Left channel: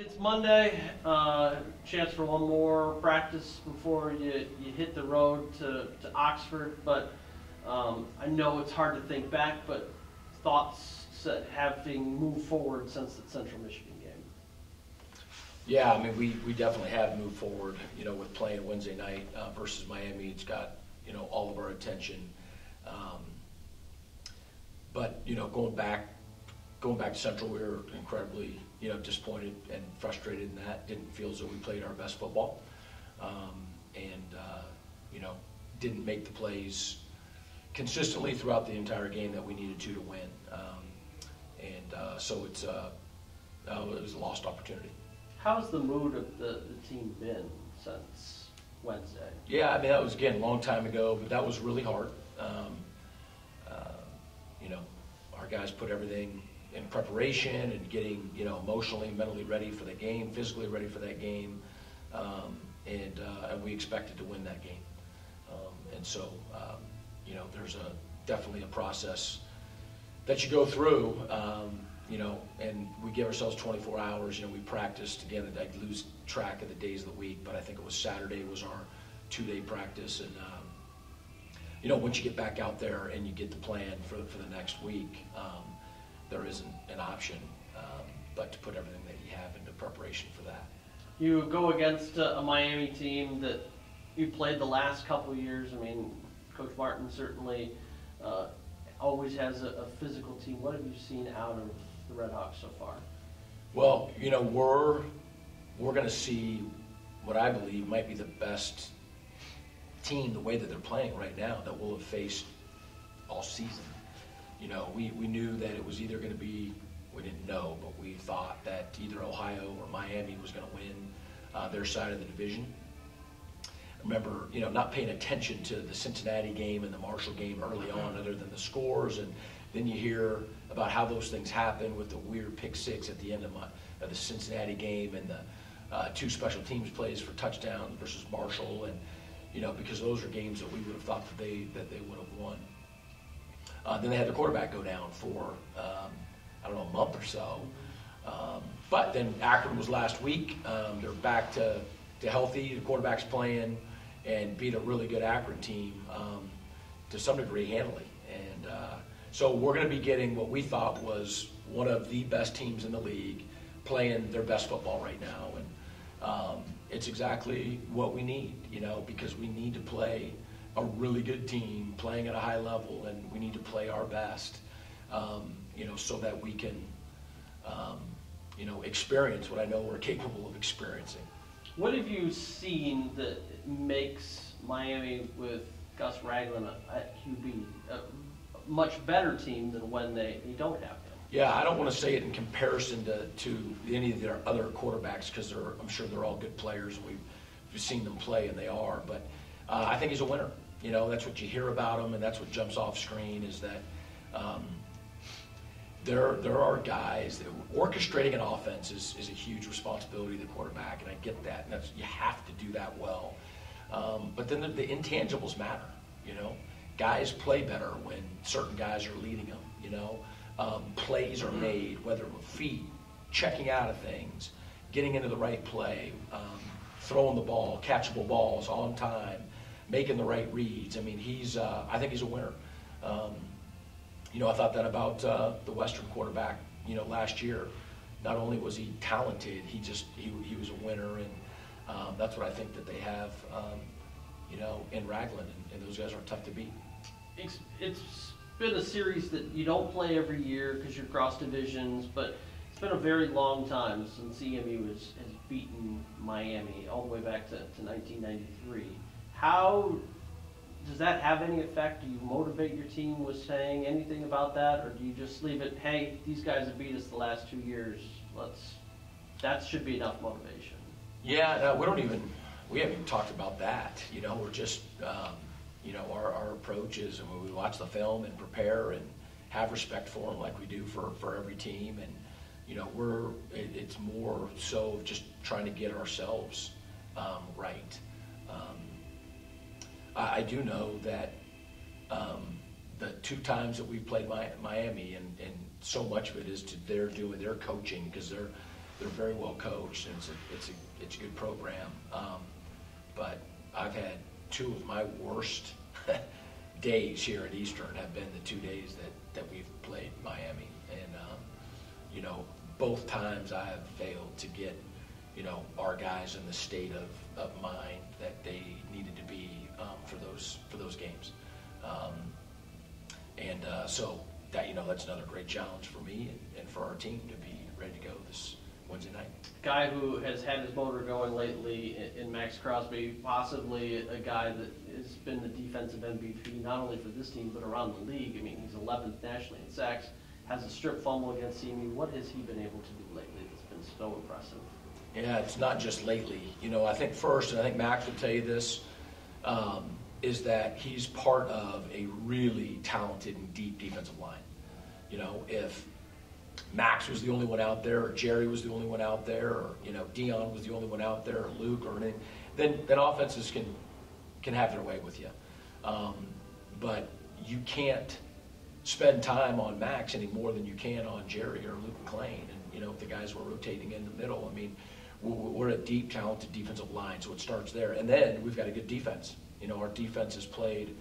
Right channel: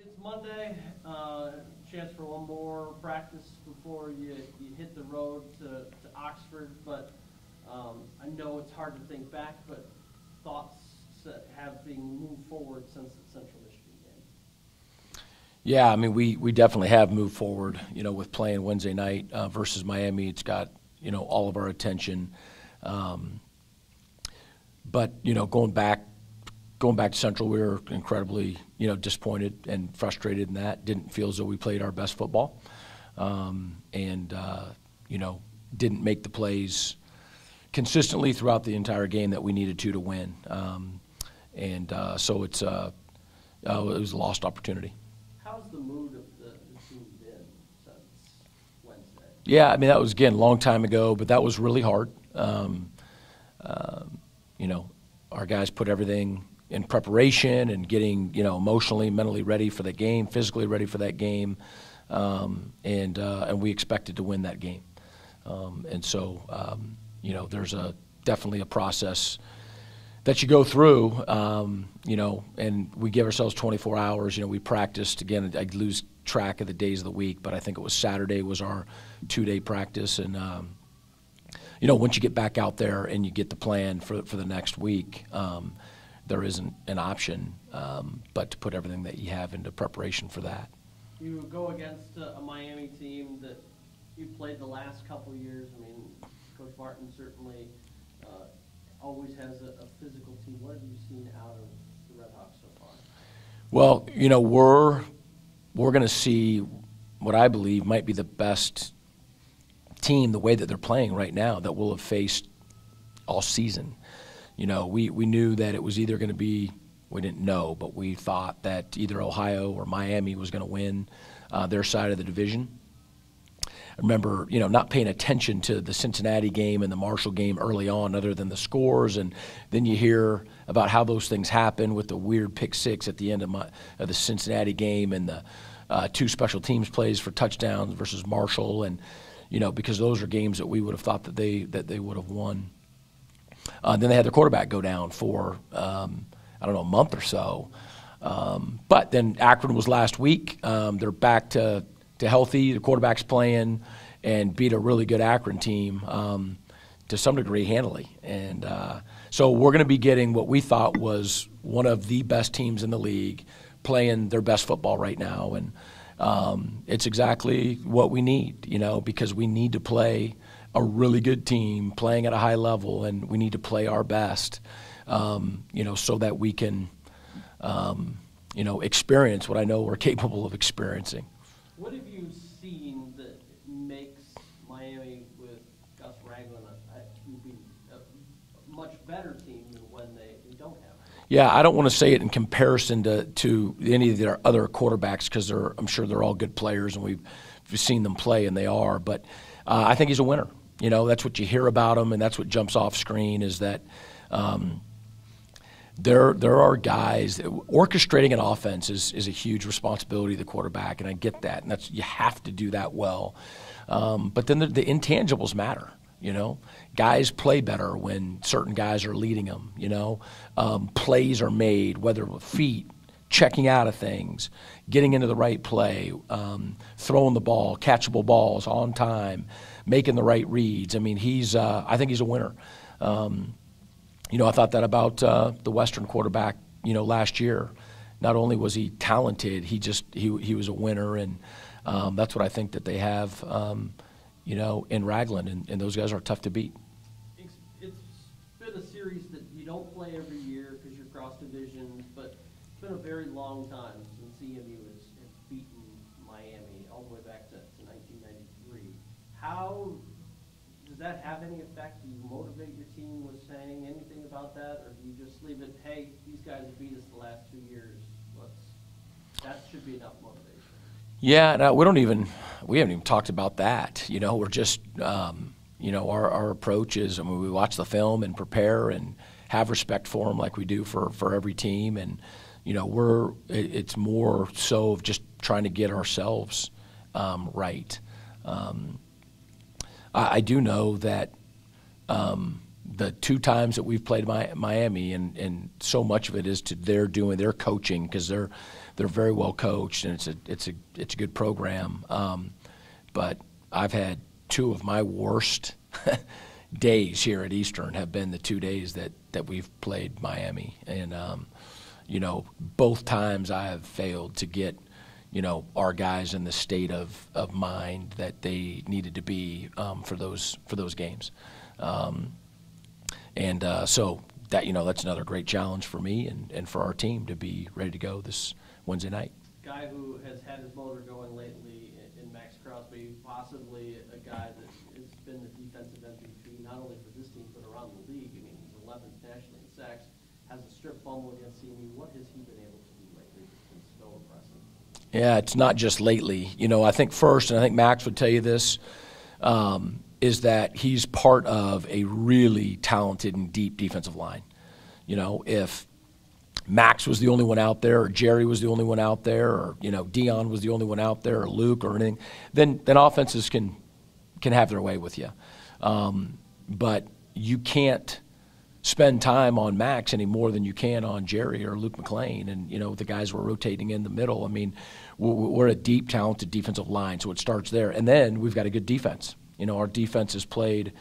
It's Monday, chance for one more practice before you hit the road to Oxford, but I know it's hard to think back, but thoughts having moved forward since the Central Michigan game. Yeah, I mean, we definitely have moved forward, with playing Wednesday night versus Miami. It's got, all of our attention. But, going back to Central, we were incredibly, disappointed and frustrated in that. Didn't feel as though we played our best football. And didn't make the plays consistently throughout the entire game that we needed to win. So it was a lost opportunity. How's the mood of the team been since Wednesday? Yeah, I mean, that was, again, a long time ago, but that was really hard. Our guys put everything in preparation and getting, emotionally, mentally ready for that game, physically ready for that game, and we expected to win that game. There's definitely a process that you go through, and we give ourselves 24 hours. We practiced, again, I lose track of the days of the week, but I think it was Saturday was our 2-day practice. And, once you get back out there and you get the plan for the next week, there isn't an option but to put everything that you have into preparation for that. You go against a Miami team that you played the last couple of years. I mean, Coach Martin certainly always has a physical team. What have you seen out of the Red Hawks so far? Well, we're going to see what I believe might be the best team, the way that they're playing right now, that we'll have faced all season. We knew that it was either going to be, we didn't know, but we thought that either Ohio or Miami was going to win their side of the division. I remember, not paying attention to the Cincinnati game and the Marshall game early on other than the scores, and then you hear about how those things happen with the weird pick six at the end of the Cincinnati game and the 2 special teams plays for touchdowns versus Marshall, and because those are games that we would have thought that they would have won. Then they had their quarterback go down for a month or so. But then Akron was last week. They're back to healthy. The quarterback's playing and beat a really good Akron team to some degree handily. And so we're going to be getting what we thought was one of the best teams in the league playing their best football right now. And it's exactly what we need, because we need to play a really good team playing at a high level, and we need to play our best, so that we can, experience what I know we're capable of experiencing. What have you seen that makes Miami with Gus Ragland at QB a much better team than when they don't have him? Yeah, I don't want to say it in comparison to any of their other quarterbacks, because I'm sure they're all good players and we've seen them play, and they are. But I think he's a winner. That's what you hear about him, and that's what jumps off screen is that there are guys orchestrating an offense is a huge responsibility of the quarterback, and I get that, and you have to do that well. But then the intangibles matter. Guys play better when certain guys are leading them. Plays are made, whether with feet, checking out of things, getting into the right play, throwing the ball, catchable balls on time, making the right reads. I mean, I think he's a winner. I thought that about the Western quarterback, last year. Not only was he talented, he was a winner, and that's what I think that they have, in Ragland, and those guys are tough to beat. It's been a series that you don't play every year because you're cross divisions, but it's been a very long time since EMU has beaten Miami, all the way back to 1993. How does that have any effect? Do you motivate your team with saying anything about that, or do you just leave it, hey, these guys have beat us the last 2 years, that should be enough motivation? Yeah, no, we haven't even talked about that. We're just, our approach is, we watch the film and prepare and have respect for them like we do for every team, and it's more so of just trying to get ourselves right. I do know that the 2 times that we've played Miami, and so much of it is to their coaching, because they're very well coached, and it's a good program. But I've had two of my worst days here at Eastern have been the 2 days that we've played Miami, and both times I have failed to get our guys in the state of mind that they needed to be for those games, so that that's another great challenge for me and for our team to be ready to go this Wednesday night. Guy who has had his motor going lately in Max Crosby, possibly a guy that has been the defensive MVP not only for this team but around the league. I mean, he's 11th nationally in sacks, has a strip fumble against CMU. What has he been able to do lately that's been so impressive? Yeah, it's not just lately. I think first, and I think Max would tell you this, is that he's part of a really talented and deep defensive line. If Max was the only one out there, or Jerry was the only one out there, or Dion was the only one out there, or Luke, or anything, then offenses can have their way with you. But you can't spend time on Max any more than you can on Jerry or Luke McLean, and the guys we're rotating in the middle. I mean, we're a deep, talented defensive line, so it starts there, and then we've got a good defense. Our defense has played.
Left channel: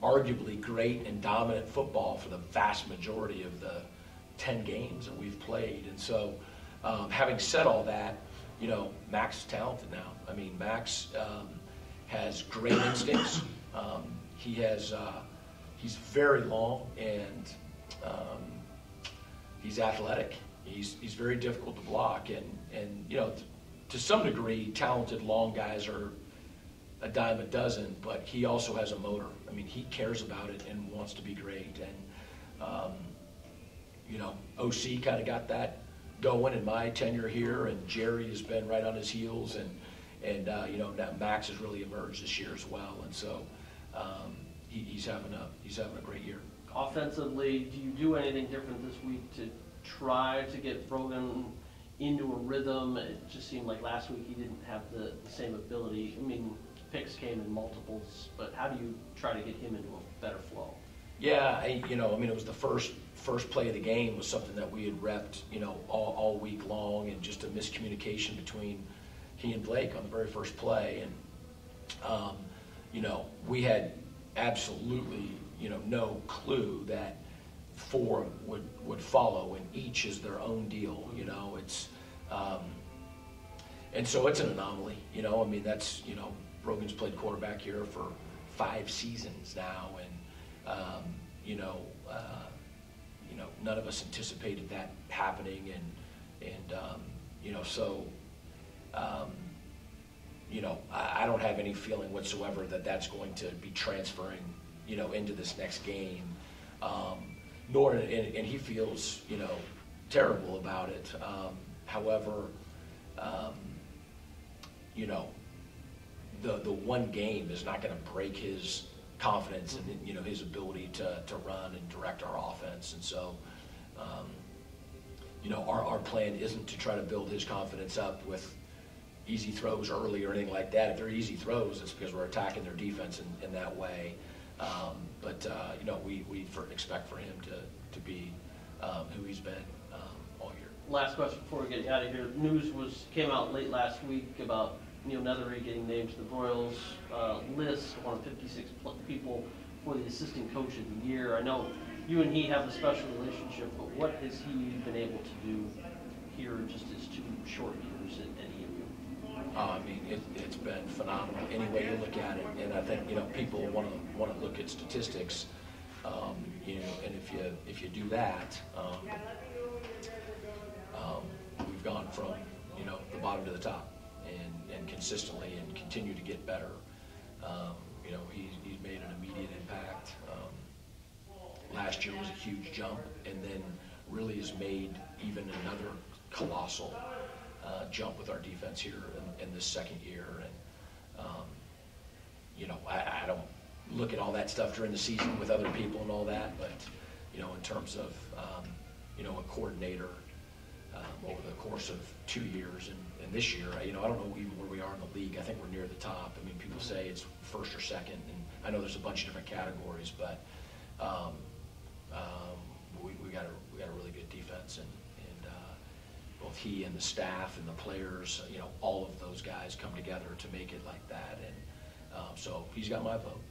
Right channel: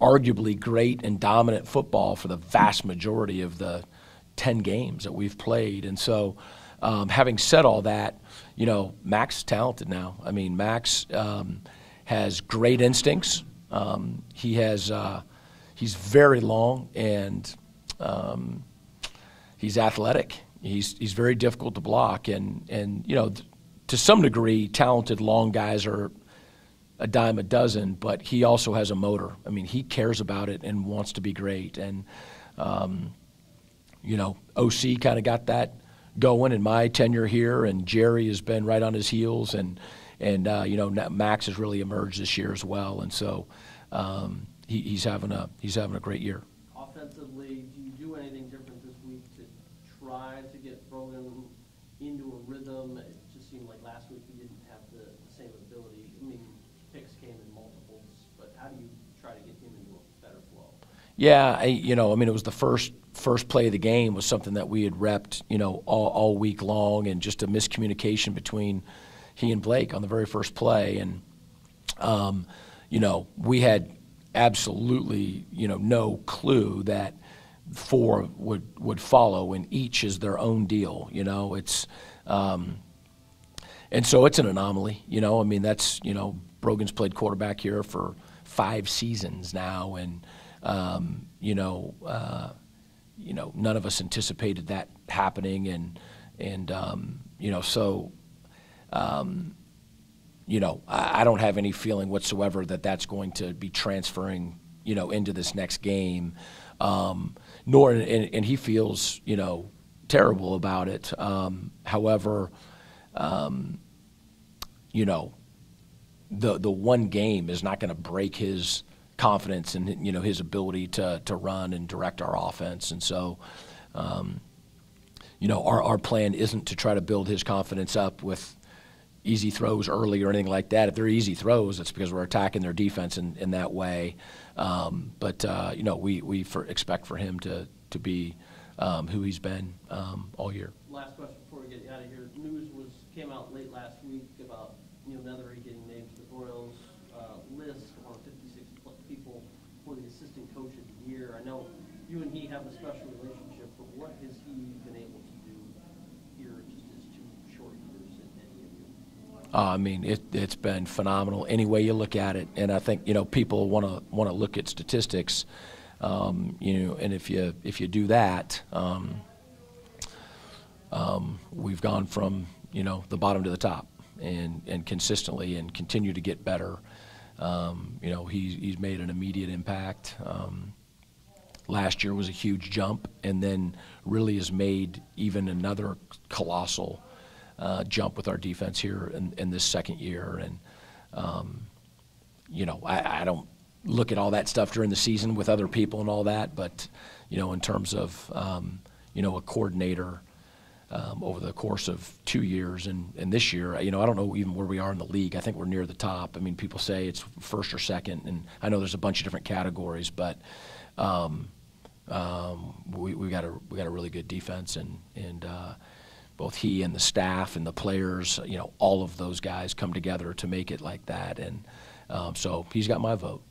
Arguably great and dominant football for the vast majority of the 10 games that we've played. And so having said all that, Max is talented now. I mean, Max has great instincts. He's very long, and he's athletic. He's very difficult to block. And to some degree, talented long guys are a dime a dozen, but he also has a motor. I mean, he cares about it and wants to be great. And, OC kind of got that going in my tenure here, and Jerry has been right on his heels, and Max has really emerged this year as well. And so he's having a great year. Offensively, do you do anything different this week to try to get Brogan into a rhythm? It just seemed like last week he didn't have the same ability. I mean, picks came in multiples, but how do you try to get him into a better flow? Yeah, it was the first play of the game was something that we had repped, all week long, and just a miscommunication between he and Blake on the very first play. And, we had absolutely, no clue that 4 would follow, and each is their own deal. It's and so it's an anomaly. That's Brogan's played quarterback here for 5 seasons now, and none of us anticipated that happening, and I don't have any feeling whatsoever that that's going to be transferring into this next game, nor and he feels terrible about it. However, the one game is not going to break his confidence and his ability to run and direct our offense. And so our plan isn't to try to build his confidence up with easy throws early or anything like that. If they're easy throws, it's because we're attacking their defense in that way. But we expect for him to be who he's been all year. Last question before we get out of here. News came out late last week about Nethery getting named to the Royals list, one of 56 people for the assistant coach of the year. I know you and he have a special relationship, but what has he been able to do here in just his 2 short years at EMU? It's been phenomenal any way you look at it, and I think people want to look at statistics, and if you do that, we've gone from the bottom to the top, and consistently, and continue to get better. He's made an immediate impact. Last year was a huge jump, and then really has made even another colossal jump with our defense here in this second year. And I don't look at all that stuff during the season with other people and all that, but in terms of a coordinator over the course of 2 years and this year, I don't know even where we are in the league. I think we're near the top. I mean, people say it's first or second, and I know there's a bunch of different categories, but we got a really good defense, and both he and the staff and the players, all of those guys come together to make it like that, and so he's got my vote.